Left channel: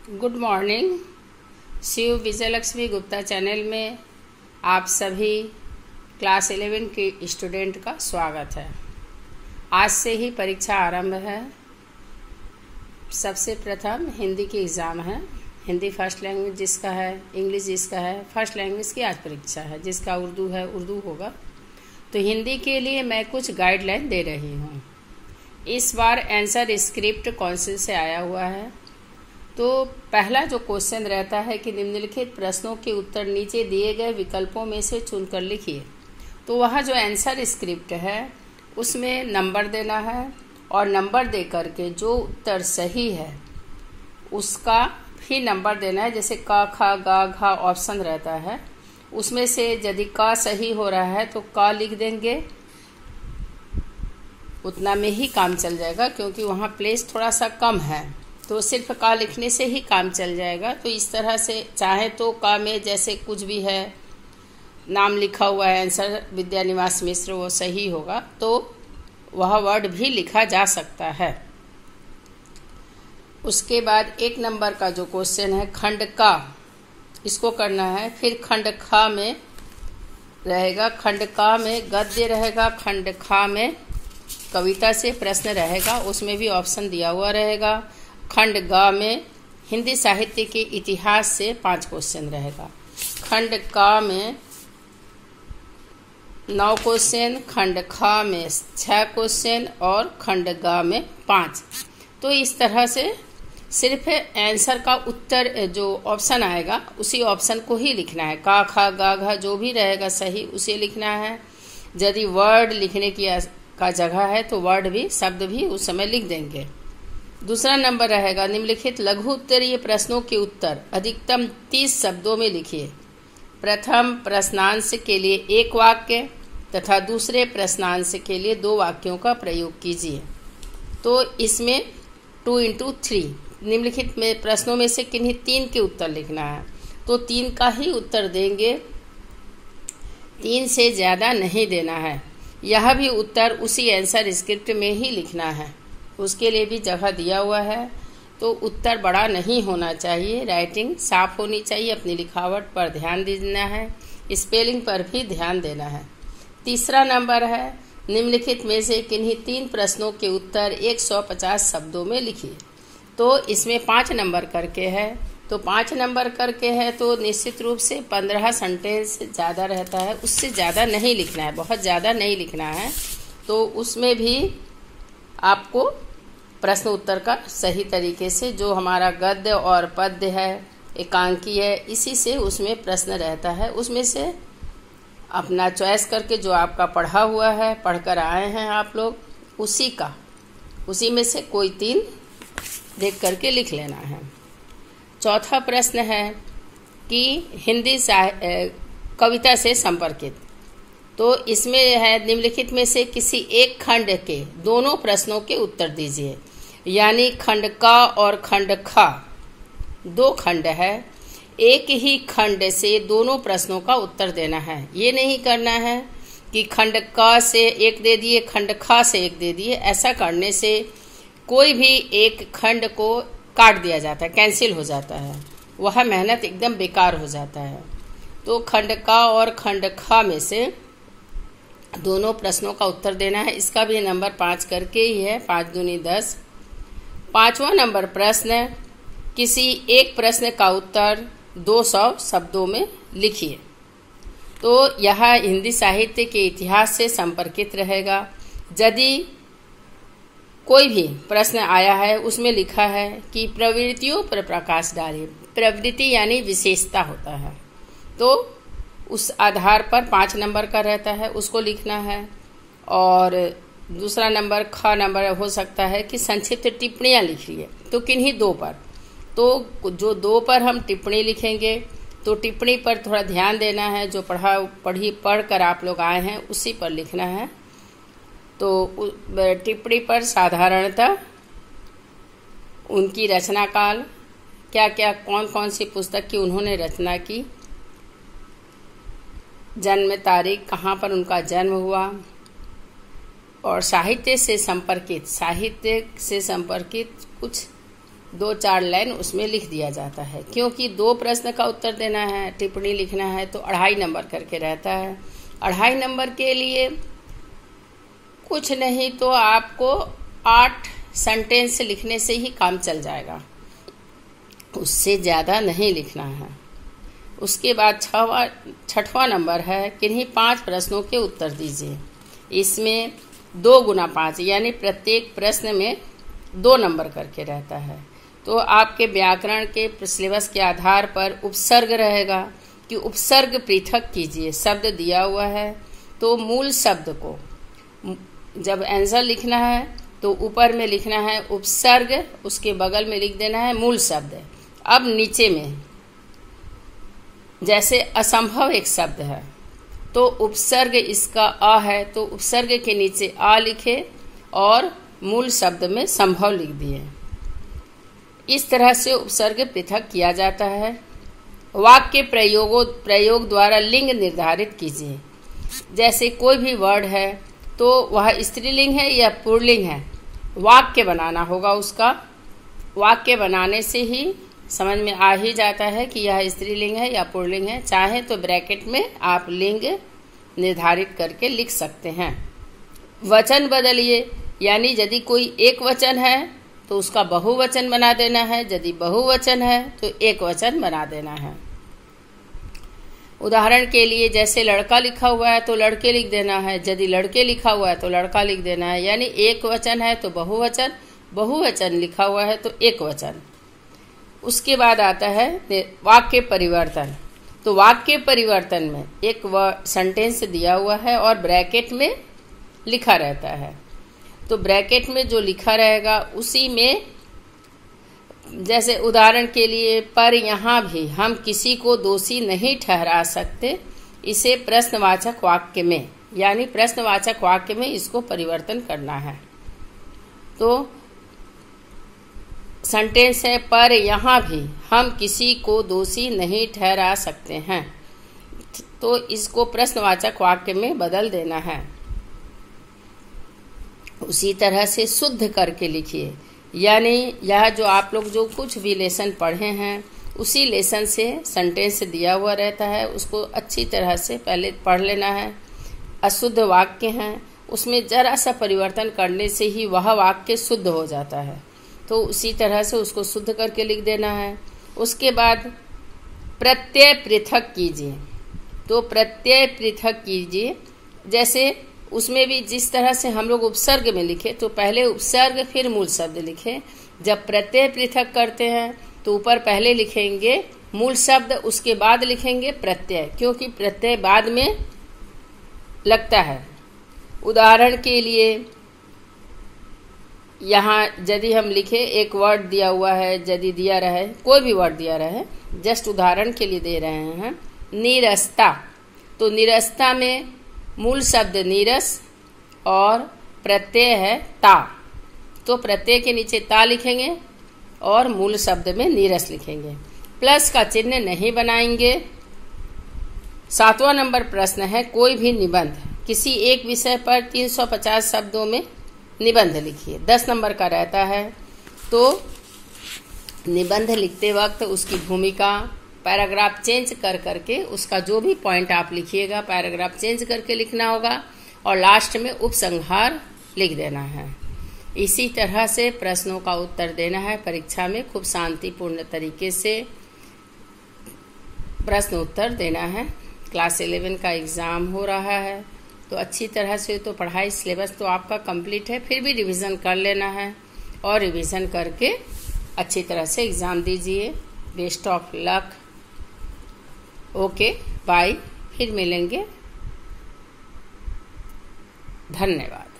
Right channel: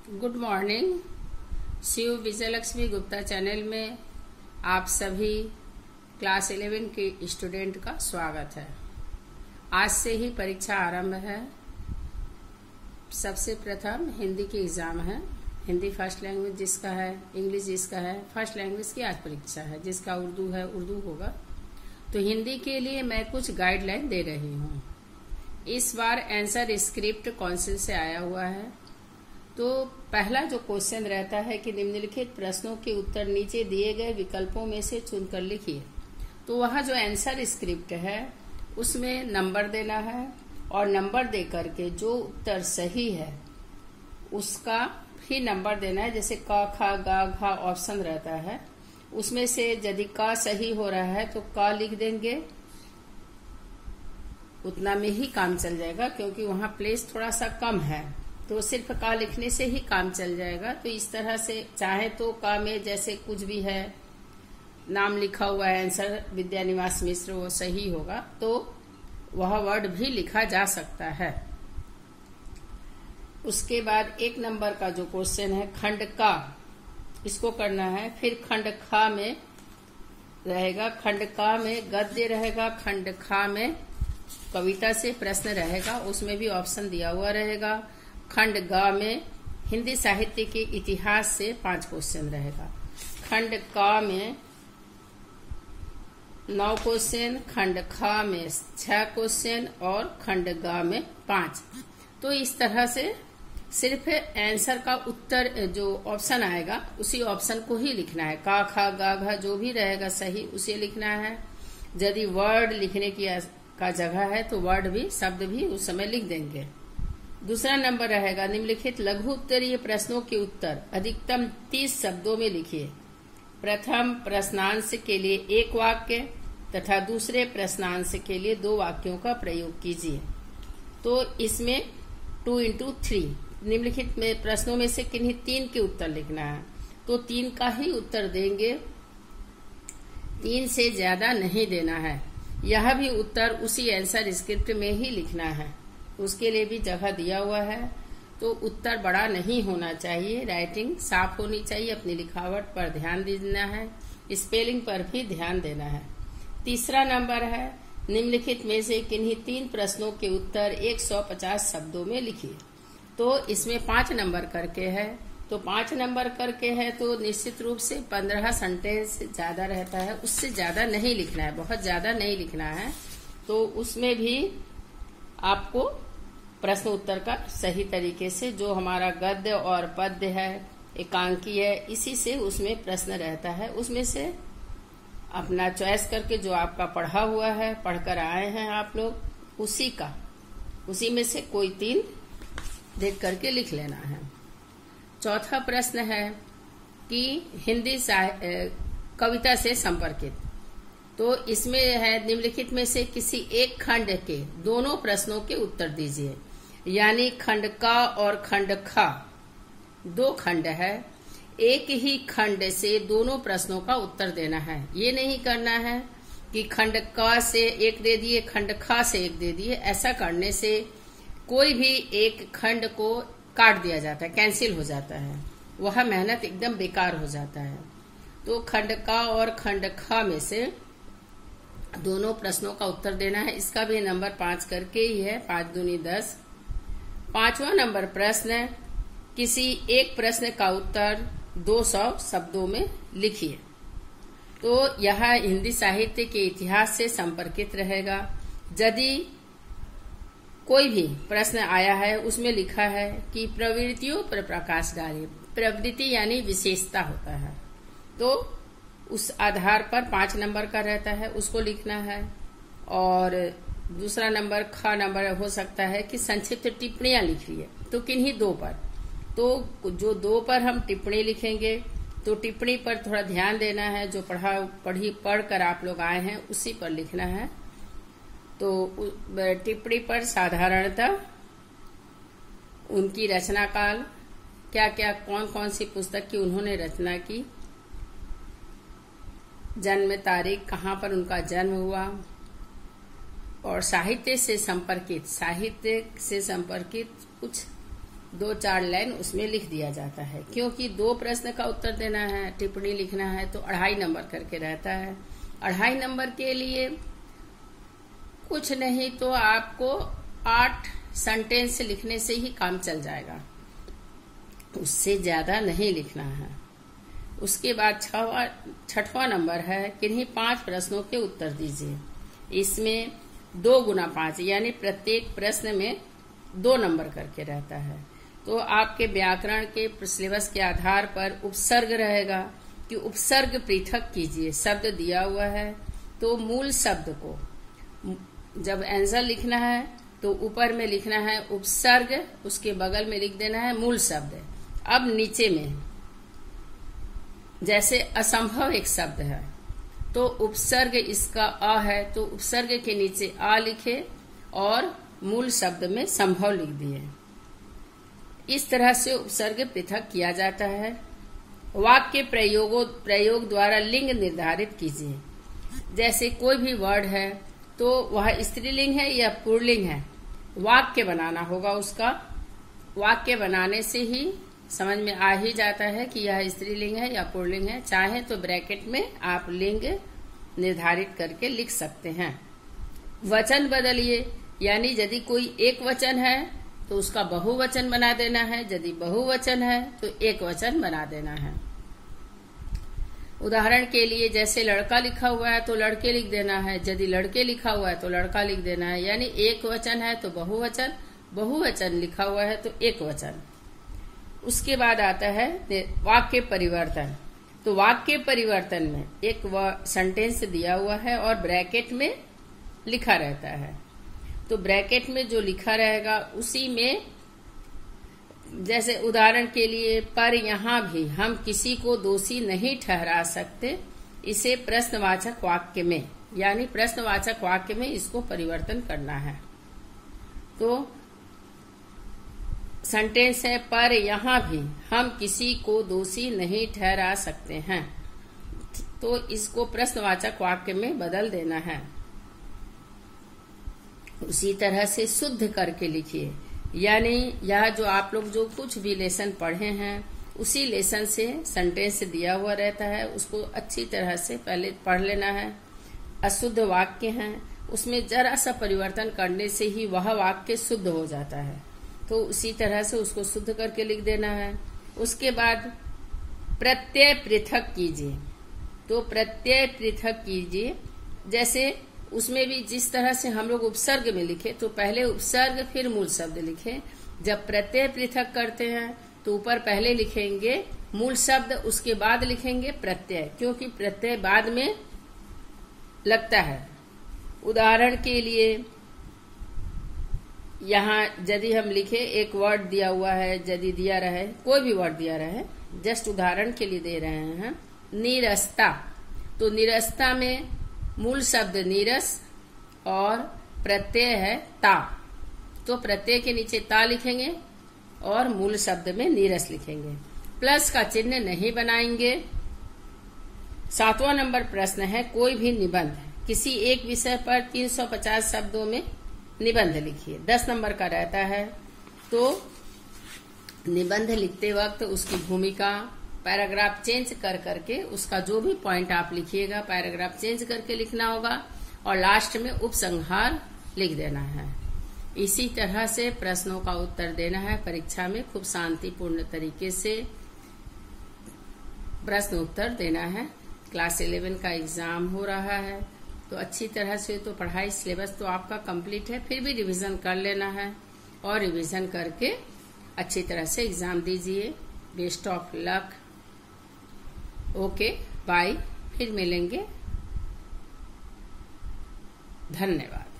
Good morning. Shiv Vijayalakshmi Gupta channel में आप सभी क्लास 11 के स्टूडेंट का स्वागत है। आज से ही परीक्षा आरंभ है। सबसे प्रथम हिंदी की एग्ज़ाम है। हिंदी फर्स्ट लैंग्वेज जिसका है, इंग्लिश जिसका है, फर्स्ट लैंग्वेज की आज परीक्षा है। जिसका उर्दू है उर्दू होगा। तो हिंदी के लिए मैं कुछ गाइडलाइन दे रही हूँ। इस बार आंसर स्क्रिप्ट काउंसिल से आया हुआ है। तो पहला जो क्वेश्चन रहता है कि निम्नलिखित प्रश्नों के उत्तर नीचे दिए गए विकल्पों में से चुनकर लिखिए। तो वह जो आंसर स्क्रिप्ट है उसमें नंबर देना है और नंबर दे करके जो उत्तर सही है उसका भी नंबर देना है। जैसे क ख ग घ ऑप्शन रहता है, उसमें से यदि क सही हो रहा है तो क लिख देंगे। उतना में ही काम चल जाएगा क्योंकि वहाँ प्लेस थोड़ा सा कम है, तो सिर्फ का लिखने से ही काम चल जाएगा। तो इस तरह से चाहे तो का में जैसे कुछ भी है, नाम लिखा हुआ है आंसर विद्यानिवास मिश्र, वो सही होगा तो वह वर्ड भी लिखा जा सकता है। उसके बाद एक नंबर का जो क्वेश्चन है खंड का, इसको करना है। फिर खंड खा में रहेगा, खंड का में गद्य रहेगा, खंड खा में कविता से प्रश्न रहेगा, उसमें भी ऑप्शन दिया हुआ रहेगा। खंड ग में हिंदी साहित्य के इतिहास से 5 क्वेश्चन रहेगा। खंड क में 9 क्वेश्चन, खंड ख में 6 क्वेश्चन और खंड ग में 5। तो इस तरह से सिर्फ आंसर का उत्तर जो ऑप्शन आएगा उसी ऑप्शन को ही लिखना है। क ख ग घ जो भी रहेगा सही उसे लिखना है। यदि वर्ड लिखने की का जगह है तो वर्ड भी, शब्द भी उस समय लिख देंगे। दूसरा नंबर रहेगा निम्नलिखित लघु उत्तरीय प्रश्नों के उत्तर अधिकतम 30 शब्दों में लिखिए। प्रथम प्रश्नांश के लिए 1 वाक्य तथा दूसरे प्रश्नांश के लिए 2 वाक्यों का प्रयोग कीजिए। तो इसमें 2 into 3 निम्नलिखित में प्रश्नों में से किन्हीं 3 के उत्तर लिखना है। तो 3 का ही उत्तर देंगे, 3 से ज्यादा नहीं देना है। यह भी उत्तर उसी आंसर स्क्रिप्ट में ही लिखना है, उसके लिए भी जगह दिया हुआ है। तो उत्तर बड़ा नहीं होना चाहिए, राइटिंग साफ होनी चाहिए, अपनी लिखावट पर ध्यान देना है, स्पेलिंग पर भी ध्यान देना है। तीसरा नंबर है निम्नलिखित में से किन्हीं 3 प्रश्नों के उत्तर 150 शब्दों में लिखिए। तो इसमें 5 नंबर करके है, तो 5 नंबर करके है तो निश्चित रूप से 15 सेंटेंस ज़्यादा रहता है, उससे ज़्यादा नहीं लिखना है, बहुत ज़्यादा नहीं लिखना है। तो उसमें भी आपको प्रश्न उत्तर का सही तरीके से, जो हमारा गद्य और पद्य है, एकांकी है, इसी से उसमें प्रश्न रहता है। उसमें से अपना चॉइस करके जो आपका पढ़ा हुआ है, पढ़कर आए हैं आप लोग, उसी में से कोई 3 देख करके लिख लेना है। चौथा प्रश्न है कि हिंदी कविता से संपर्कित। तो इसमें है निम्नलिखित में से किसी एक खंड के दोनों प्रश्नों के उत्तर दीजिए। यानी खंड क और खंड ख 2 खंड है, एक ही खंड से दोनों प्रश्नों का उत्तर देना है। ये नहीं करना है कि खंड क से 1 दे दिए, खंड ख से 1 दे दिए। ऐसा करने से कोई भी एक खंड को काट दिया जाता है, कैंसिल हो जाता है, वह मेहनत एकदम बेकार हो जाता है। तो खंड क और खंड ख में से दोनों प्रश्नों का उत्तर देना है। इसका भी नंबर 5 करके ही है, 5 दूनी 10। 5वां नंबर प्रश्न, किसी एक प्रश्न का उत्तर 200 शब्दों में लिखिए। तो यह हिंदी साहित्य के इतिहास से संपर्कित रहेगा। यदि कोई भी प्रश्न आया है उसमें लिखा है कि प्रवृत्तियों पर प्रकाश डालिए, प्रवृत्ति यानी विशेषता होता है, तो उस आधार पर 5 नंबर का रहता है, उसको लिखना है। और दूसरा नंबर ख नंबर हो सकता है कि संक्षिप्त टिप्पणियां लिखिए। तो किन्हीं 2 पर, तो जो 2 पर हम टिप्पणी लिखेंगे तो टिप्पणी पर थोड़ा ध्यान देना है। जो पढ़ कर आप लोग आए हैं उसी पर लिखना है। तो टिप्पणी पर साधारणतः उनकी रचना काल, क्या क्या कौन कौन सी पुस्तक की उन्होंने रचना की, जन्म तारीख, कहाँ पर उनका जन्म हुआ, और साहित्य से संपर्कित कुछ 2-4 लाइन उसमें लिख दिया जाता है। क्योंकि 2 प्रश्न का उत्तर देना है, टिप्पणी लिखना है, तो 2.5 नंबर करके रहता है। 2.5 नंबर के लिए कुछ नहीं तो आपको 8 सेंटेंस लिखने से ही काम चल जाएगा, उससे ज्यादा नहीं लिखना है। उसके बाद 6वां नंबर है, किन्हीं 5 प्रश्नों के उत्तर दीजिए। इसमें 2 × 5 यानी प्रत्येक प्रश्न में 2 नंबर करके रहता है। तो आपके व्याकरण के सिलेबस के आधार पर उपसर्ग रहेगा कि उपसर्ग पृथक कीजिए। शब्द दिया हुआ है तो मूल शब्द को जब आंसर लिखना है तो ऊपर में लिखना है उपसर्ग, उसके बगल में लिख देना है मूल शब्द। अब नीचे में जैसे असंभव एक शब्द है तो उपसर्ग इसका अ है तो उपसर्ग के नीचे आ लिखे और मूल शब्द में संभव लिख दिए। इस तरह से उपसर्ग पृथक किया जाता है। वाक्य प्रयोग द्वारा लिंग निर्धारित कीजिए। जैसे कोई भी वर्ड है तो वह स्त्रीलिंग है या पुल्लिंग है, वाक्य बनाना होगा उसका। वाक्य बनाने से ही समझ में आ ही जाता है कि यह स्त्रीलिंग है या पुल्लिंग है। चाहे तो ब्रैकेट में आप लिंग निर्धारित करके लिख सकते हैं। वचन बदलिए, यानी यदि कोई एक वचन है तो उसका बहुवचन बना देना है, यदि बहुवचन है तो एक वचन बना देना है। उदाहरण के लिए जैसे लड़का लिखा हुआ है तो लड़के लिख देना है, यदि लड़के लिखा हुआ है तो लड़का लिख देना है। यानी एक वचन है तो बहुवचन, बहुवचन लिखा हुआ है तो एक वचन। उसके बाद आता है वाक्य परिवर्तन। तो वाक्य परिवर्तन में एक सेंटेंस दिया हुआ है और ब्रैकेट में लिखा रहता है। तो ब्रैकेट में जो लिखा रहेगा उसी में, जैसे उदाहरण के लिए, पर यहाँ भी हम किसी को दोषी नहीं ठहरा सकते, इसे प्रश्नवाचक वाक्य में, यानी प्रश्नवाचक वाक्य में इसको परिवर्तन करना है। तो सेंटेंस है, पर यहाँ भी हम किसी को दोषी नहीं ठहरा सकते हैं, तो इसको प्रश्नवाचक वाक्य में बदल देना है। उसी तरह से शुद्ध करके लिखिए, यानी यह जो आप लोग जो कुछ भी लेसन पढ़े हैं उसी लेसन से सेंटेंस दिया हुआ रहता है, उसको अच्छी तरह से पहले पढ़ लेना है। अशुद्ध वाक्य हैं, उसमें जरा सा परिवर्तन करने से ही वह वाक्य शुद्ध हो जाता है, तो उसी तरह से उसको शुद्ध करके लिख देना है। उसके बाद प्रत्यय पृथक कीजिए। तो प्रत्यय पृथक कीजिए, जैसे उसमें भी जिस तरह से हम लोग उपसर्ग में लिखे तो पहले उपसर्ग फिर मूल शब्द लिखे। जब प्रत्यय पृथक करते हैं तो ऊपर पहले लिखेंगे मूल शब्द, उसके बाद लिखेंगे प्रत्यय, क्योंकि प्रत्यय बाद में लगता है। उदाहरण के लिए यहाँ यदि हम लिखे, एक वर्ड दिया हुआ है, यदि दिया रहे, कोई भी वर्ड दिया रहे, जस्ट उदाहरण के लिए दे रहे हैं, नीरसता। तो नीरसता में मूल शब्द नीरस और प्रत्यय है ता, तो प्रत्यय के नीचे ता लिखेंगे और मूल शब्द में नीरस लिखेंगे। प्लस का चिन्ह नहीं बनाएंगे। 7वां नंबर प्रश्न है, कोई भी निबंध किसी एक विषय पर 350 शब्दों में निबंध लिखिए। 10 नंबर का रहता है। तो निबंध लिखते वक्त उसकी भूमिका, पैराग्राफ चेंज कर करके उसका जो भी पॉइंट आप लिखिएगा पैराग्राफ चेंज करके लिखना होगा और लास्ट में उपसंहार लिख देना है। इसी तरह से प्रश्नों का उत्तर देना है। परीक्षा में खूब शांतिपूर्ण तरीके से प्रश्न उत्तर देना है। क्लास 11 का एग्जाम हो रहा है तो अच्छी तरह से तो पढ़ाई सिलेबस तो आपका कंप्लीट है, फिर भी रिवीजन कर लेना है और रिवीजन करके अच्छी तरह से एग्जाम दीजिए। Best of luck. Okay bye, फिर मिलेंगे। धन्यवाद।